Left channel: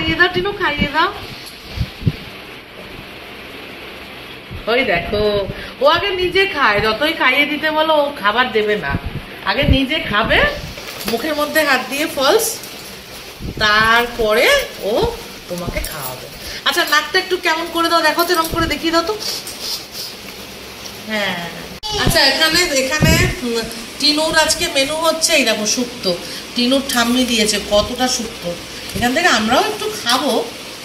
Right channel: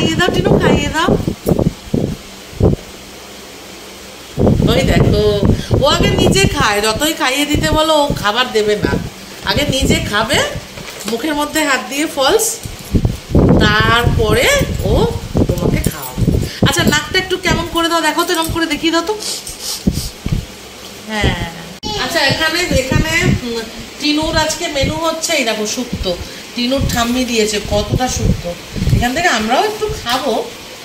খাইয়ে দাও টিনু, খাইয়ে দাও। ওই দেখো, ও আগে নিজে খায়, যতই খাইয়ে দিতে বলো ও খাবার দেবে না, আগে নিজে খাবে, মুখের মধ্যে হাত দিয়ে ফলস, তারপরে ও তোমাকে খাওয়াবে। আচ্ছা নাকটা একটু কেমন করে দাও, দেখো তো, এরকম করে দেখিয়ে দাও তো। হ্যাঁ আচ্ছা, এখানে এখানে টিনুর আজকে মেনু হচ্ছে এই দেখো শুক্তো, টিনুর ঠাম্মি দিয়েছে কতটা শুক্তো, এখান থেকে আমরাও একটু খাবো,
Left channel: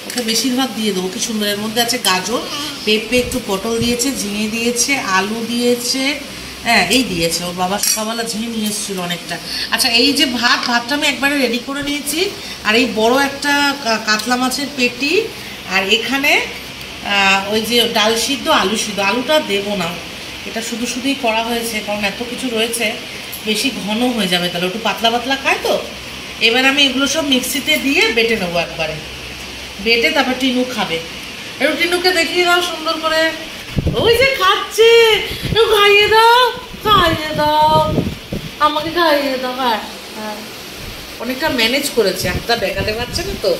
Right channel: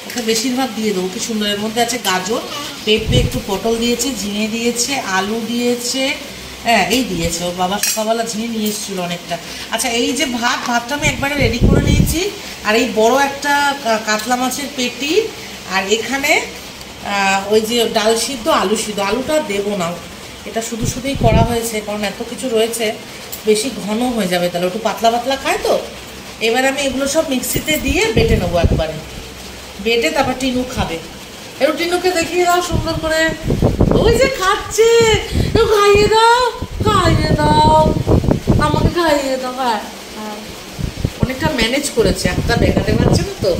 ওকে বেশিরভাগ দিয়ে দেবো। কি সুন্দর, এর মধ্যে আছে গাজর, পেঁপে, একটু পটল দিয়েছে, ঝিঙে দিয়েছে, আলু দিয়েছে, হ্যাঁ এই দিয়েছে, ওর বাবা সকালবেলা ঝিঙে নিয়ে এসেছিলো অনেকটা। আচ্ছা এই যে ভাতটা আমি একবারে রেডি করে নিয়েছি, আর এই বড় একটা কাতলা মাছের পেটি, আর এখানে ওই যে ডাল সিদ্ধ, আলু সিদ্ধ, আলুটা দেবো না, এটা শুধু শুধুই করা হয়েছে, কারণ এত কিছু রয়েছে, বেশি ঘন হয়ে যাবে, তাহলে একটু পাতলা পাতলা খায় তো। এবার আমি এগুলো সব মিক্সিতে দিয়ে বেটে নেবো, একবারে বেটে তারপর টিনু খাবে। একটু টিনুকে দেখিয়ে দাও সুন্দর করে, ওই যে খাচ্ছে, একটু খাইয়ে দাও, খাইয়ে দাও, আমাকে খাইয়ে দাও। হ্যাঁ হ্যাঁ, অনেকটা ম্যানেজ করেছে, একটা দেখাতে পারছে না তো,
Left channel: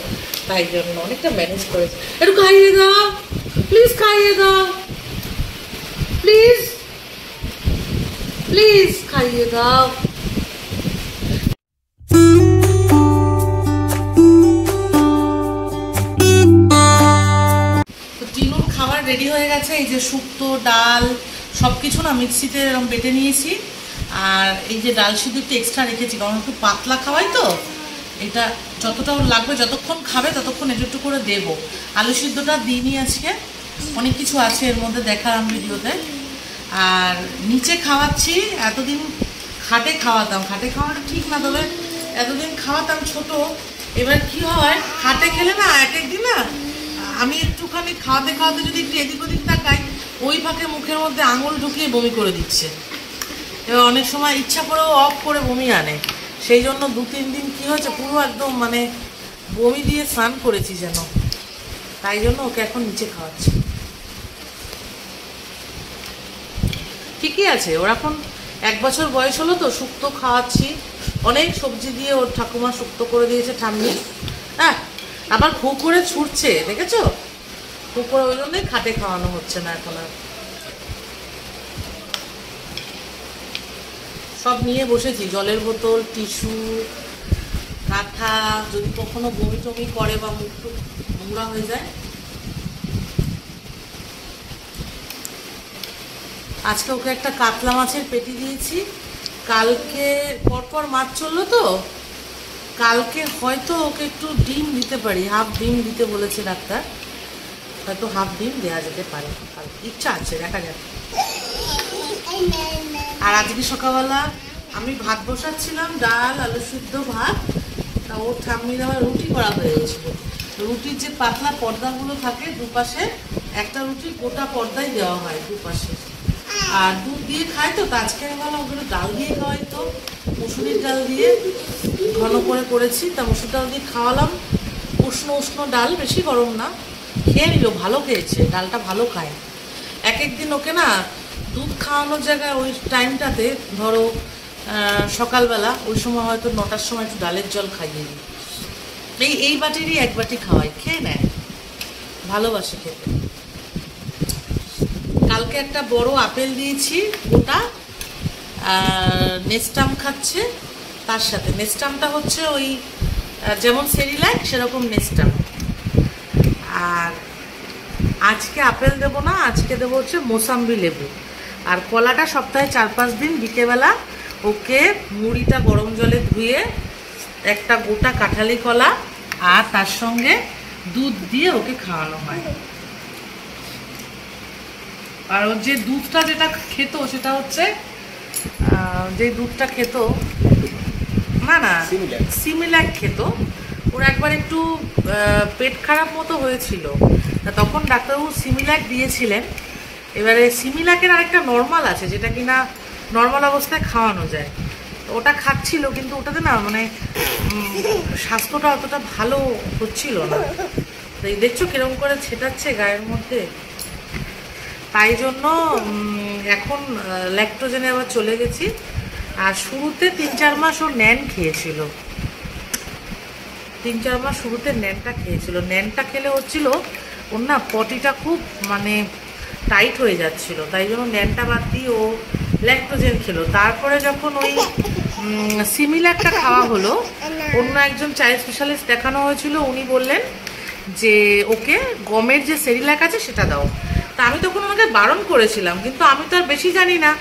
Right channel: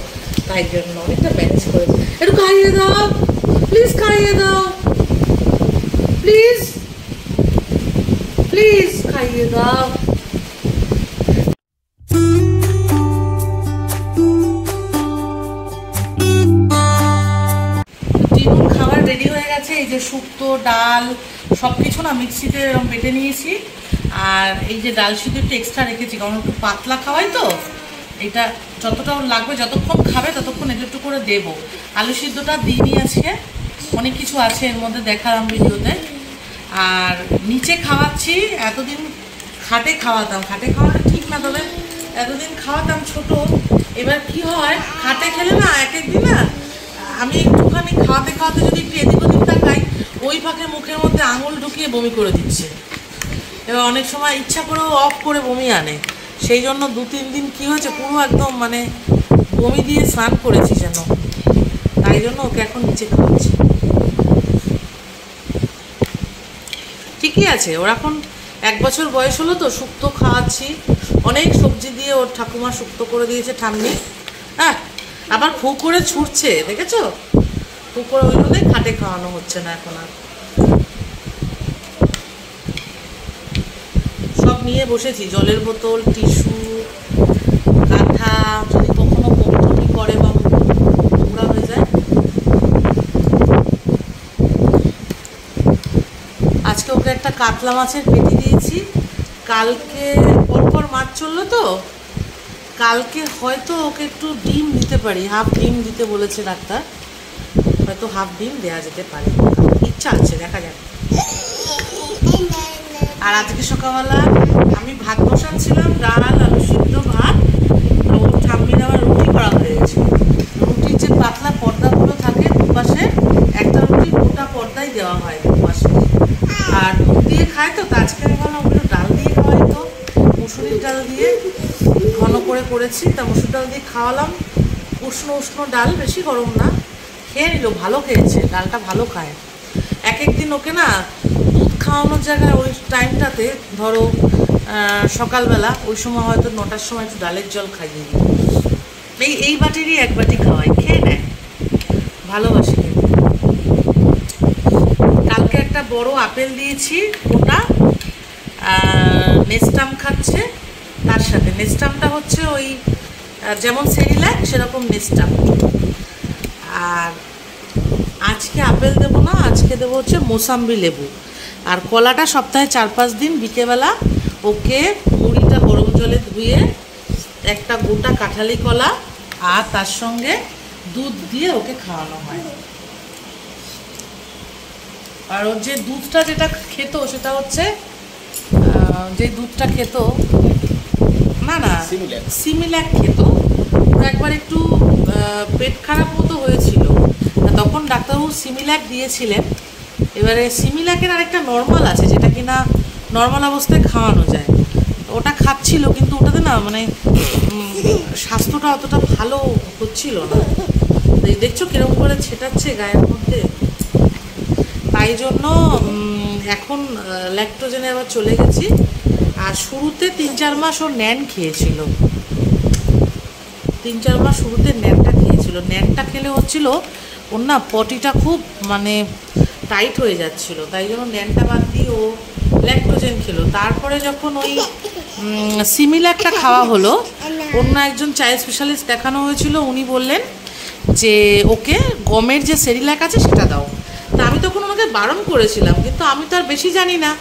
তাই জন্য অনেকটা ম্যানেজ করেছে। একটু খাইয়ে দাও প্লিজ, খাইয়ে দাও প্লিজ, প্লিজ খাইয়ে দাও। টিনুর খাবার রেডি হয়ে গেছে, এই যে শুক্তো, ডাল সব কিছু না মিক্সিতে এরকম বেটে নিয়েছি, আর এই যে ডাল সিদ্ধ একটু এক্সট্রা রেখেছি, কারণ একটু পাতলা খাওয়াই তো, এটা যতটা লাগবে, যতক্ষণ খাবে ততক্ষণ একটু একটু করে দেবো। আলু সিদ্ধটা দিইনি আজকে, অনেক কিছু আছে এর মধ্যে, দেখালাম ভিডিওতে। আর নিচে খাওয়াচ্ছি, এতদিন খাটে খাওয়াতাম, খাটে খাওয়াটা ঠিক না, তবে এতদিন খাওয়াতাম ছোট, এবার কি হয় খাটে খেলে না এক একদিন না, আমি একটুখানি খাওয়াতে খাওয়াতে যদি একটু এদিক ওদিক তাকাই, ওই ফাঁকে মুখের মধ্যে আঙুল ঢুকিয়ে বমি করে দিচ্ছে, এবার অনেক সময় ইচ্ছা করেও অফ করে বমি আনে, সেই জন্য 2-3 দিন কী হয়েছে, পুরো একদম মানে বমি দিয়ে স্নান করেছি যেন, তাই জন্য ওকে এখন নিচে খাওয়াচ্ছি। ঠিকই আছে, ওর এখন 1 বছর বয়স হলো তো, শুক্তো খাওয়াচ্ছি, অনেক সবজি দিয়ে ওর ঠাকুমা শুক্তো করে দিয়েছে ঠাম্মি। হ্যাঁ আবার ফু করে ছুটছে, দেখেছো, ফু করে, ওই জন্যই খাটে খাওয়ানো হচ্ছে না এখন আর। সব নিয়ে বসেছি, জলের বোতল, টিস্যু, কাঁথা, যদি কখনো বমি করে বা নোংরা হয়ে যায়। আজকে ওকে একটা কাতলা মাছের পেটি দিয়েছি, কালকে পরপর মাছ চললো তো, কালকে হয়তো ওকে একটু ডিম দিতে পারি, হাফ ডিম দিতে বলেছে ডাক্তার, হয়তো হাফ ডিম দেওয়া যেতে পারে, ইচ্ছা আছে, দেখা যাক। আর আজকে সকালবেলা আমি ভাত বসাচ্ছিলাম, ডাল, আলু সিদ্ধ, ভাত, আর ওর ঠাম্মির আবার রুটি করা হয়ে গেছে। রুটির যে পাতলা পর্দাগুলো থাকে দুপাশে, একটা রুটি গোটা পর্দায় দেওয়া হয় দুপাশে, আর দুধ দিয়ে খায় তো, আজকে আমি ভাবলাম ওগুলো ডাল দিয়ে খাওয়াই তো, মুসুরির ডাল দিয়ে ঘন করে করেছি, তা মুসুর ডাল দিয়ে খাওয়ালাম, উষ্ণ উষ্ণ ডাল, বেশি গরম না, খেয়ে নিল, ভালো খেয়েছে, ডালটা ভালো খায়। এক একদিন ওকে না দুধ খাওয়ানোর জায়গায় ওই টাইমটাতে, ধরো সকালবেলা ওই সময় হয়তো 9টার সময় একটু ডালের জল খাইয়ে দিই, এই বাটিরই 1 বাটি খাওয়াই, খেয়ে নেয়, ভালোবাসে খেতে। কালকে একটা বড় আপেল দিয়েছি ওটা, নেস্টাম খাচ্ছে, তার সাথে নেস্টামটা হচ্ছে ওই যেমন সেরিল্যাক সেরকম নেস্টাম। আর আজকে আপেল দেবো না, আজকে দেবো হচ্ছে মোসাম্বি লেবু, আর কলাটা সপ্তাহে 4-5 দিন বিকেলবেলা ওকে মুড়িটা গরম জলে ধুয়ে একটা গোটা কাঁঠালি কলা আর তার সঙ্গে দুধ দিয়ে ওকে খাওয়ানো হয়। আর ওর যে দুধটা যেটা খেত সেটা হচ্ছে, যে দুধটা খেত না না সিমিল্যাক খেত, ওর একবার একটু পেট খারাপ মতো হয়েছিল, তখন ডাক্তারবাবু সিমিল্যাক দিয়েছিলেন। এবারে সিমিল্যাকের আরেকটা নর্মাল আছে, যেটা কিনা নর্মাল অবস্থায় খাওয়ানো যায়, ওটা খাচ্ছিল, কিন্তু ওটাতে না মানে স্বাস্থ্যটা অতটা ভালো হচ্ছিল না, দেখছো কিরকম করে ছেটাচ্ছে গায়ের মধ্যে, তাই জন্য এখন ল্যাকটোজেনে আবার চলে গেছি। আর শুরুতে 3-4 মাস ও ন্যান খেয়েছিল, 3-4 মাস শুরুতে ন্যানটা খেয়েছিল। ন্যানটা খেলে হচ্ছিল ওর না পটিটা খুব মানে টাইট হয়ে যাচ্ছিল, তাই জন্য ন্যানটা বাদ দিয়ে ও ল্যাক্টোজেন খেলো। তারপরে যখন ওই সিমিল্যাকটা খাওয়া হলো, অন্য একজন চাইল্ড স্পেশালিস্ট দেখানো হয়েছিল, উনি বললেন যে ওকে গমের যে সেরিল্যাক আছে সেটা দাও। তা আমি তখন ওনাকে বারণ করেছিলাম, কিন্তু আমি তো আর বেশি জানি না,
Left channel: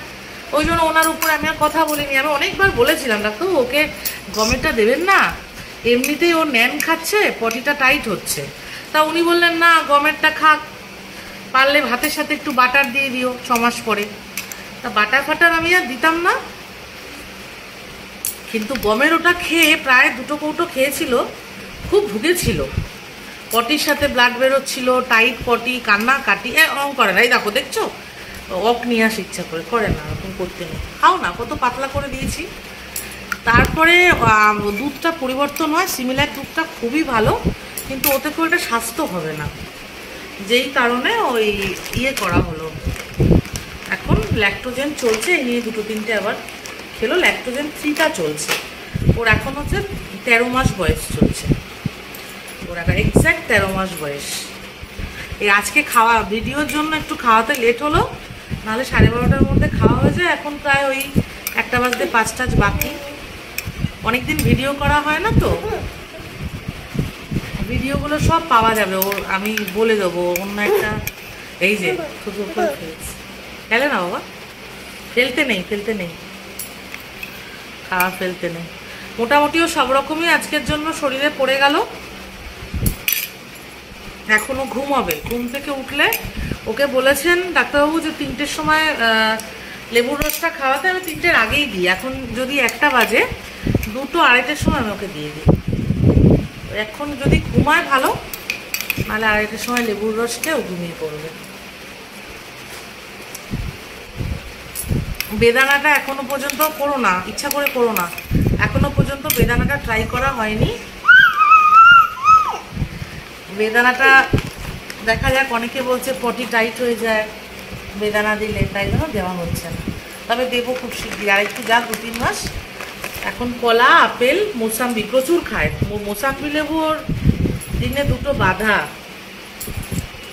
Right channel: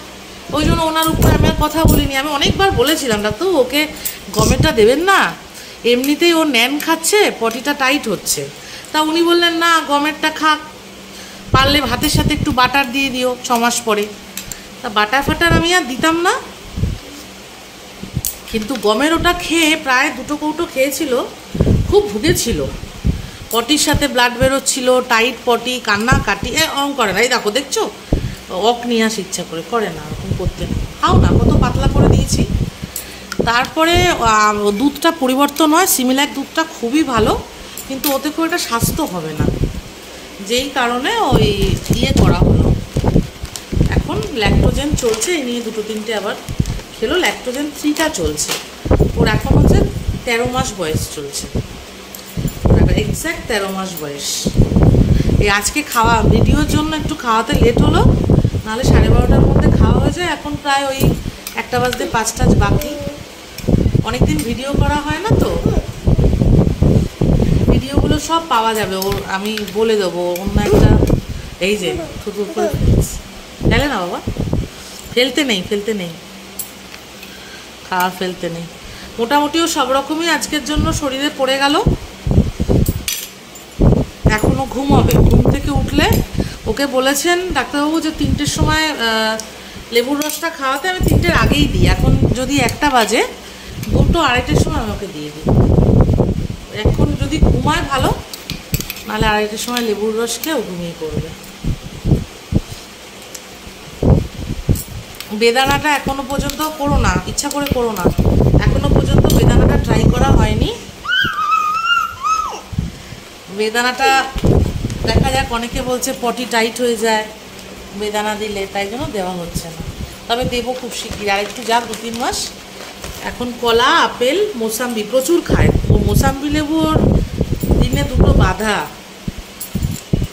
ওই জন্য ওনার উপরে আমি আর কথা বলিনি। আমি অনেকবার বলেছিলাম ডাক্তার ওকে গমেরটা দেবেন না, এমনিতেই ও ন্যান খাচ্ছে, পটিটা টাইট হচ্ছে। তা উনি বললেন না গমেরটা খাক, পারলে ভাতের সাথে একটু বাটার দিয়ে দিও 6 মাস পরে। তা বাটার ফাটার আমি আর দিতাম না, কিন্তু গমের ওটা খেয়ে প্রায় 2 কৌটো খেয়েছিল, খুব ভুগেছিল, পটির সাথে ব্লাড বেরোচ্ছিল, টাইট পটি, কান্না কাটি অং করে না। এই দেখো দেখছো, অক নিয়ে আসে ইচ্ছা করে না, এরকম করতে নেই, খাও না, কত পাতলা করে দিয়েছি। তারপরে দুধটা পরিবর্তন হয়, সিমিল্যাক দুধটা খুবই ভালো, কিন্তু ওতে খুব একটা স্বাস্থ্য হবে না, যেই কারণে ওই করা হলো। এখন ল্যাক্টোজেন চলছে, এই নিয়ে 2-3টে আবার খেলো। ল্যাক্টোজেন 3টা চলছে ওর, এখন হচ্ছে 13 মাস বয়স চলছে ওর, এক্স্যাক্ট 13 মাস বয়স। এই আজকে খাওয়া ভিডিওর জন্য একটু খাওয়াতে লেট হলো, নাহলে 12:30টার মধ্যে খাওয়া হয়ে যায়। এখন প্রায় ওই 1টা বাজতে 5টা বাকি, অনেকদিন ভিডিও করা হয় না, তো ভিডিওগুলো সব পাওয়া যাবে ওর, আমি বলে দেবো অন্য একটা। এই যে খেলে না বাবা, ফেলতে নেই খাওয়া ফেলতে নেই। মোটামুটিও সব রকমই আজকের জন্য শরীরে পড়ে গেল। এখনও ঘুমাবে, ঘুম থেকে উঠলে ওকে বলেছেন ডাক্তারবাবু যে 3টের সময় লেবুর রসটা খাওয়াতে, আমি 3টের আগেই দিই। এখন যদি 1টা বাজে, 2-2-2:30টার সময় আমি ওকে দিয়ে দিই। এখন যদি ঘুমায় ভালো, নাহলে 2:30টার সময় লেবুর রস খেয়ে ও ঘুমিয়ে পড়বে। বেদানাটা এখনো পর্যন্ত করো না, ইচ্ছা করে করো না, এখনো পর্যন্ত বেদানাটা ট্রাই করা হয়নি। বেদানাটা দেখা যাক, অনেকে বলছে পটি টাইট হয়ে যায় বেদানা দিলে, তাই জন্য দেওয়া হচ্ছে না। তবে দেবো খুব শিগগির, আর একটু যাক 2-3 মাস। এখন কলা, আপেল, মোসাম্বি প্রচুর খায়। মোসাম্বি লেবুর দিনে 2টো বাধা,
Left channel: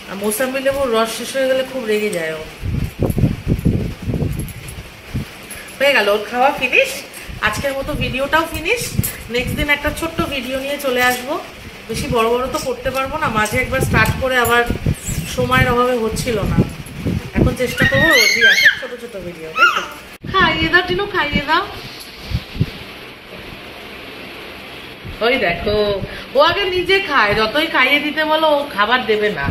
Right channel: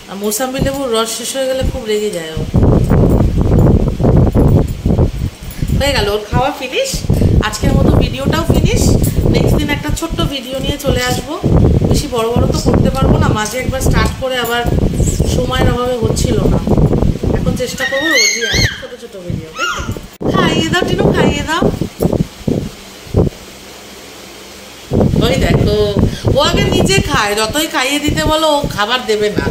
আর মোসাম্বি লেবুর রস শেষ হয়ে গেলে খুব রেগে যায় ও। হয়ে গেল ওর খাওয়া ফিনিশ, আজকের মতো ভিডিওটাও ফিনিশ। নেক্সট দিন একটা ছোট্ট ভিডিও নিয়ে চলে আসবো, বেশি বড় তো করতে পারবো না, মাঝে একবার স্টার্ট করে আবার সময়ের অভাবে হচ্ছিল না। এখন চেষ্টা করবো রোজই আসে ছোট ভিডিও, তাই তো? খাইয়ে দাও টিনু, খাইয়ে দাও। ওই দেখো, ও আগে নিজে খায়, যতই খাইয়ে দিতে বলো ও খাবার দেবে না,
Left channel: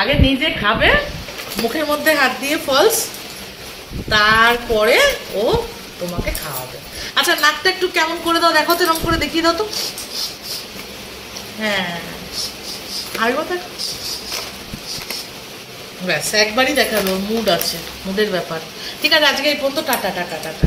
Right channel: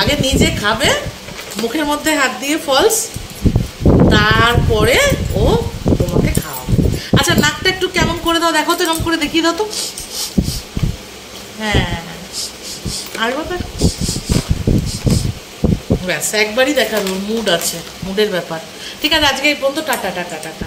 আগে নিজে খাবে, মুখের মধ্যে হাত দিয়ে ফলস, তারপরে ও তোমাকে খাওয়াবে। আচ্ছা নাকটা একটু কেমন করে দাও, দেখো তো, এরকম করে দেখিয়ে দাও তো। হ্যাঁ, আর ব্যাস একবারই দেখাবে, ওর মুড আছে, মুডের ব্যাপার। ঠিক আছে, আজকে এই পর্যন্ত, টাটা টাটা টাটা।